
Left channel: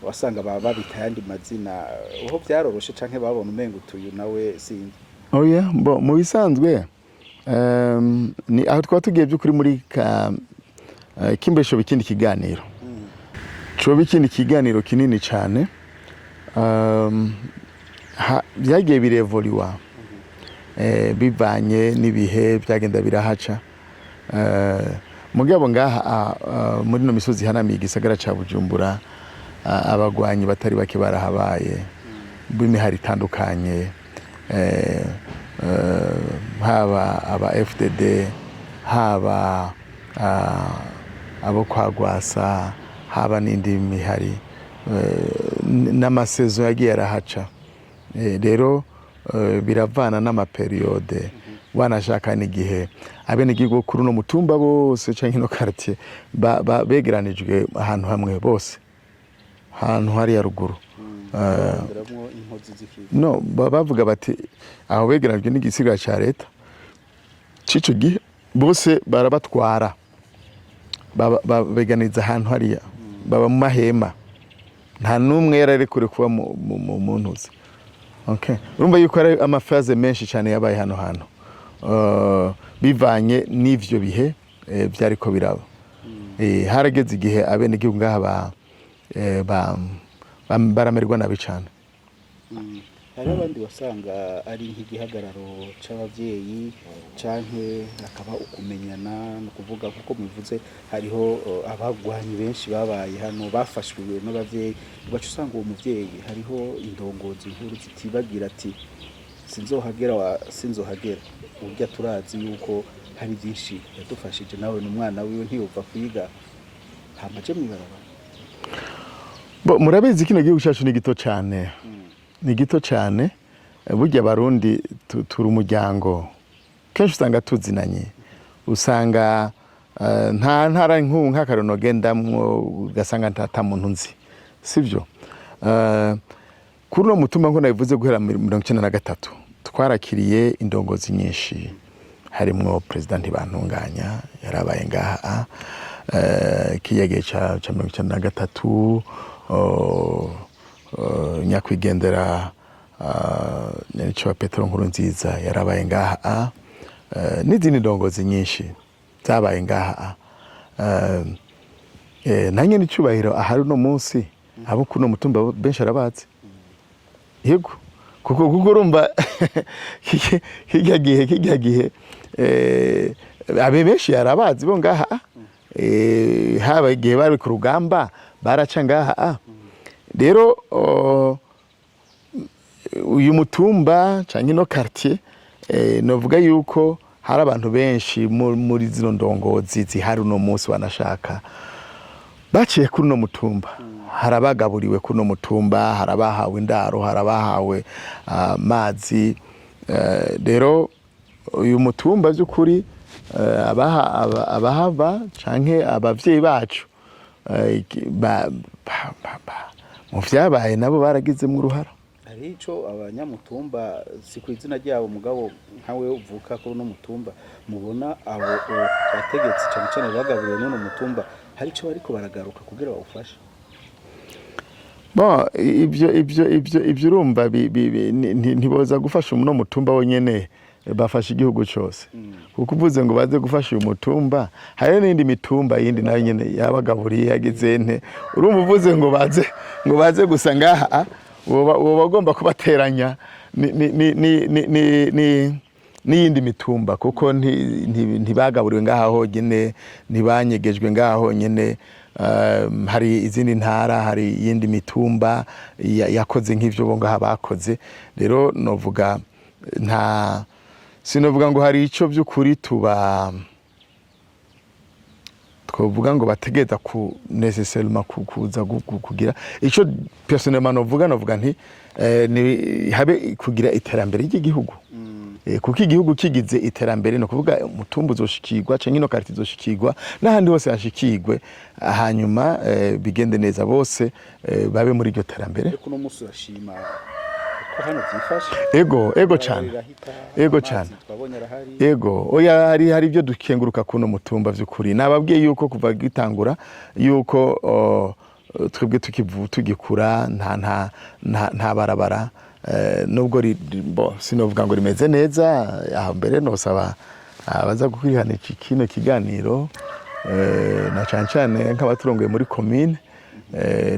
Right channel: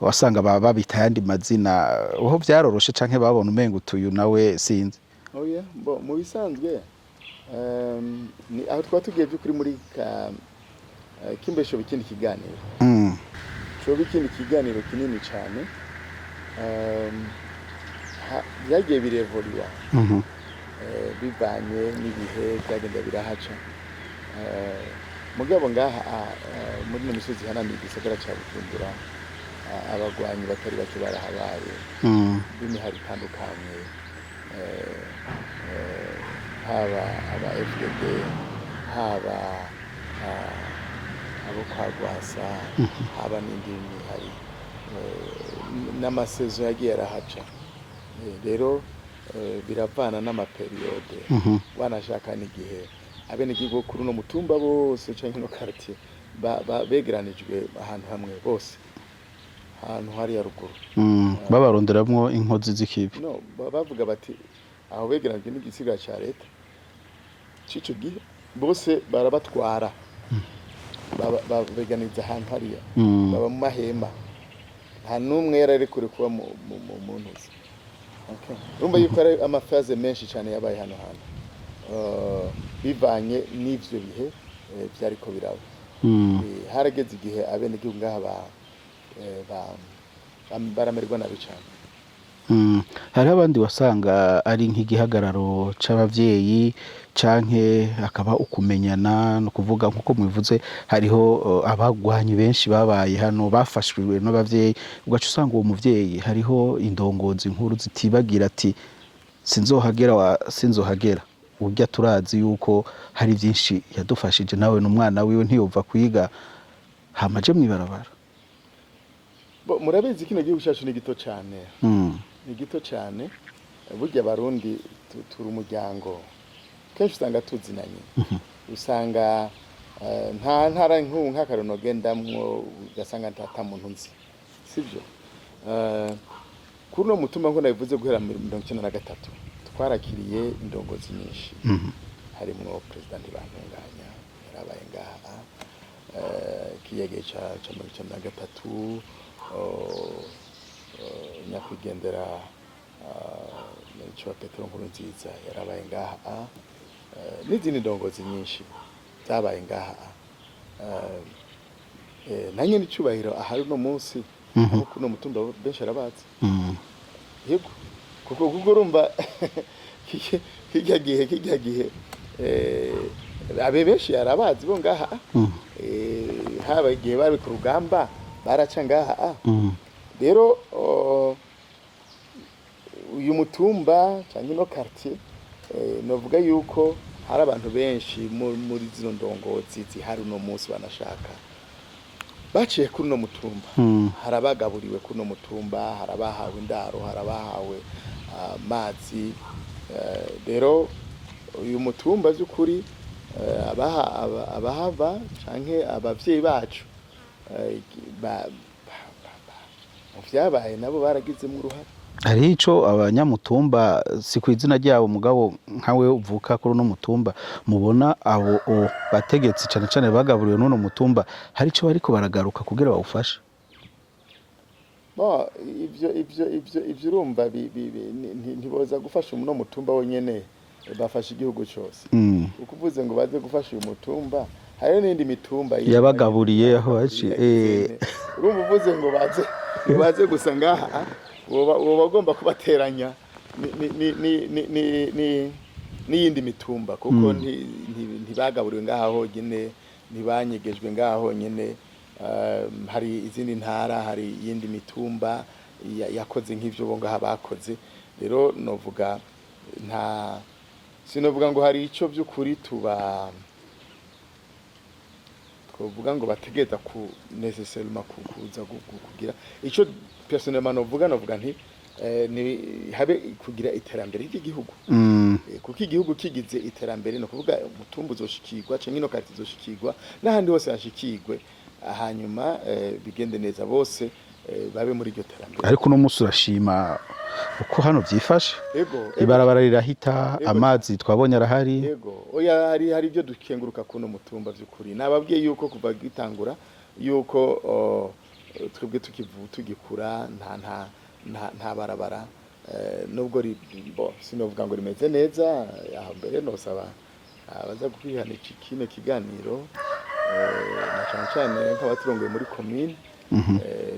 wasanga babita yandi mazina. Uho byaroroshe canke babona umengo utuyu nawe sinzi? Oya, mu bisanzwe ni aho twaba tugiye by'ukuri muri kimbesho bikindi kiganiro. Coba ikindi kiganiro kinini cyane, byagiye birevoliwa bivanye n'ibihe byagenda birahaca. Mugabo ngaha muri no misozi hanamiye igisagara ca Bujumbura, abagwanyi batari bake barahabaye b'imihari itandukanye, haba aba FDD, haba abo kwa Gwasa, haba n'indi mihari, n'amasezo yagiye arahaca. Rero biravana n'amaperiode, wanashaka n'igihe abenegihugu kuri uno mutumba bose canke no quartier begeranijwe ahantu hamwe bose, ahantu hari ya ruguru, babaronderamwo inkozi z'ikibi. No, bavuga bati aho begeranijwe n'igisigara ca leta cico gihe bose barabatwara, beganiza ahantu hariya, baba mu mahema, nta n'umwe yararekure kuba mu ntuzi. Okay, urumva yuko ari amafaze menshi cyane yabaye hano hantu, bivanye n'ivyo bihe byariko biraba. Harageze igihe abenegihugu ngaha baramerwa nabi cyane. hari abandi wasanga ari nk'igihagararo c'abavyeyi canke akaba ukumenyana no kuvuga nkuko mubivuze hariho abagwanyi benshi babaye hano bafashwe n'abavyeyi ugaca usanga uwo muvyeyi hariho indongozi nkuru zitibagira ati sinzohagera urya turazi yuko hari byinshi yadufashije nawe n'umwana wiwe ntiyova kwiga hamaje mwibarabara. Murabizi kino gihugu cyacu ni gito cyane ni gito cyane burya abarundi turi umuryango kenshi usanga tuzinanye usanga nta ntara nk'akarono gendamwo ugasanga ntata muntu nzi sivyo. Kuri uno mutumba ngo nabivuze guhera 1993 twarakiriye indongozi nyinshi harimwo president Bantunganya yarabaye ngaha kiyege ca 1993 nyakwigendera Nyanicyubahiro Petero Nkurunziza yarabaye ngaha n'izindi ndongozi nyinshi zabaye ngaha na Nyanicyubahiro ahari uno munsi abo kuno mutumba benshi arabazi yego kuko urumva kijya gihe abe benshi yarabazi bo ngaha haba igihe bari ku rugamba baraca ngaha rero uyu mutumba canke no quartier novuga yuko hari abantu benshi muri zino ndongozi zihari uno munsi banashaka baciye kuri no mutumba harabagaburiwe kuri no mutumba harabahawe indaro harabahawe amazi rero uyu mutumba z'ukuri abahava canke abavyeyi bacu mu vyabaye nabo baragizemwo uruhara. Hariho ico abanyamutumba si ku izina ryabo mugabo nkawe uvuka kuri uno mutumba mubona abo bategetsi cyane cyane bagaburiwe n'uno mutumba hari ico bariko baragaruka kugira bawufashe? Bon ibyo urumva ntiboza gufasha uno mutumba wonyene bafasha igihugu cyose kuko uvuze ngo baze gufasha uyu mutumba hari n'indi mitumba yabagaburiye yagezente urumva uvuze ngo baze gusa ngaha woba bagomba kubateranya n'iyindi mitumba kuko ntibagaburiwe ngaha honyine ntibanyegejwe ngaha honyine hari izindi ntara hari iyindi mitumba yakoze nk'ivyo bo ngaha bakoze rero novuga sinovuga ngo hari ico by'ukuri twovuga ngo bategeza ku nécessairement kuza kugira ico personnellement novuga nti habe kugira iterambere ry'igihugu kuko igihugu kigize iterambere no kuvuga umutumba uzoshikirwa canke no quartier izoshikirwa n'ahandi hose hashikirwe hanyuma bigende neza bose babe muri iryo terambere. Ariko no musi urashima uko hano byifashe ego bararahita amazi twabonye arahari ego oya hari ibyo dukenguruka kuno mutumba vy'ukuri nababwiye yuko kuva gitangura yuko twebwe tugikura nta barabara nubwo sinovuga ngo rimeze neza aho mbere nosaba abaza gukwirihana kino kiganiro na cyane nk'abaturongoye muri commune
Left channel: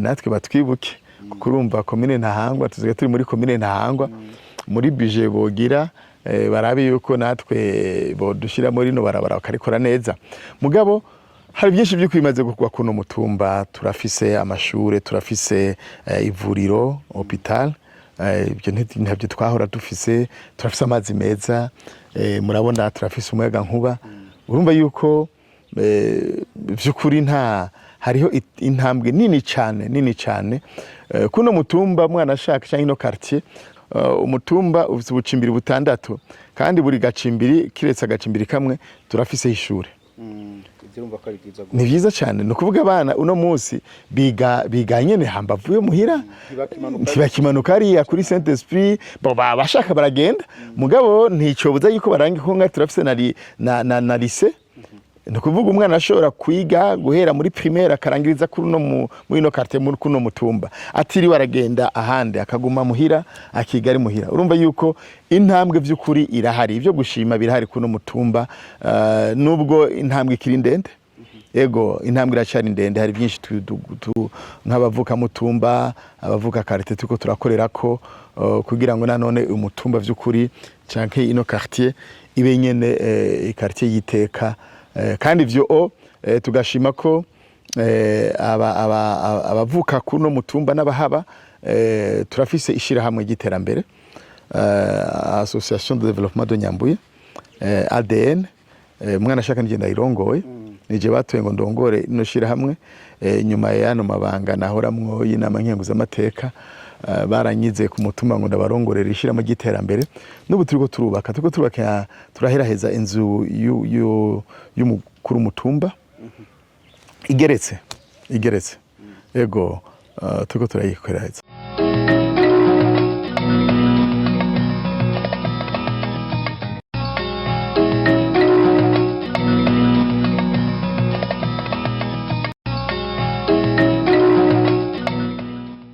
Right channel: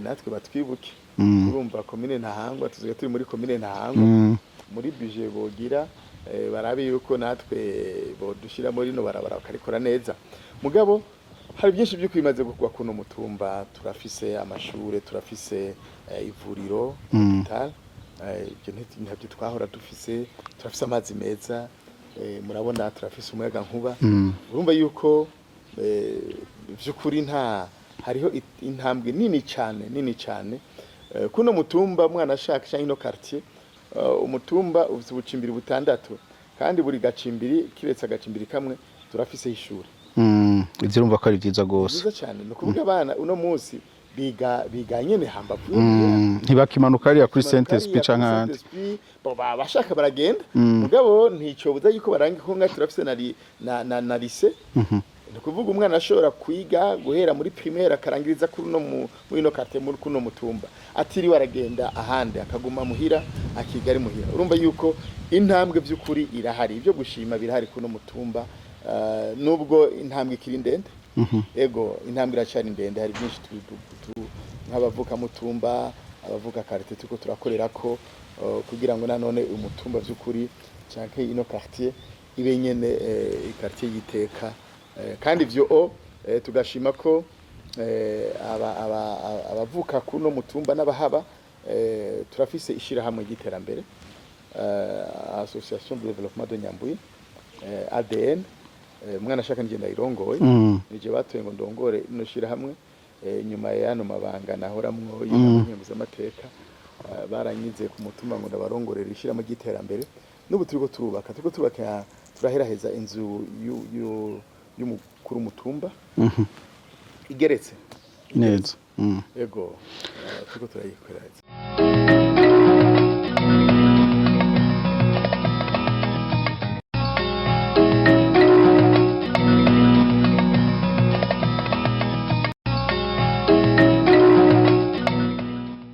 natwe batwibuke kurumva commune Ntahangwa tuziga turi muri commune Ntahangwa muri budget bogira barabe yuko natwe bodushira muri no barabara bakarikora neza mugabo hari byinshi byo kwimaze gukwa kuno mutumba turafise amashure turafise ivuriro hospital ibyo ntabyo twahora dufise turafise amazi meza murabona turafise umuyaga nkuba urumva yuko by'ukuri hariho intambwe nini cyane kuno mutumba mwana ashaka cyangwa ino quartier umutumba ufite ubucimbiri butandatu kandi buri gacimbiri kiretse agacimbiri kamwe turafise ishure ivyo urumva ko ari vyiza gose ni vyiza cyane no kuvuga abana uno munsi biga nyene hambavuye muhira ntibakimanuka ari kuri Saint Esprit bashaka baragenda mugabo nticobuza yuko barangi ko nka turafise na lycée no kuvuga umwana ashobora kwiga guhera muri primaire akarangiriza kuri no muri no quartier muri kuno mutumba atiri baragenda ahandi akaguma muhira akigari muhira urumva yuko intambwe vy'ukuri irahari ibyo gushima birahari kuno mutumba nubwo intambwe ikiri ndende ego intambwe iracari ndende hari byinshi nk'abavuka mutumba abavuka quartier tuko turakorera ko kugira ngo nanone umutumba vy'ukuri canke ino quartier ibe nyene quartier yiteka kandi ivyo tugashima ko abavuka kuno mutumba n'abahaba turafise ishirahamwe ry'iterambere Association de Développement de Nyambuye ADN mwana shaka nije ndayirongoye nije batoye ngo ndongore ino shirahamwe nyuma yano mabanga nahoramwo y'inama nkenguzamateka baranyize ku mutumba ngo ndabarongorera ishirahamwe ry'iterambere n'ubu turiko turubaka turaheraheza inzu y'umukuru mutumba igeretse yego turiko turayikorera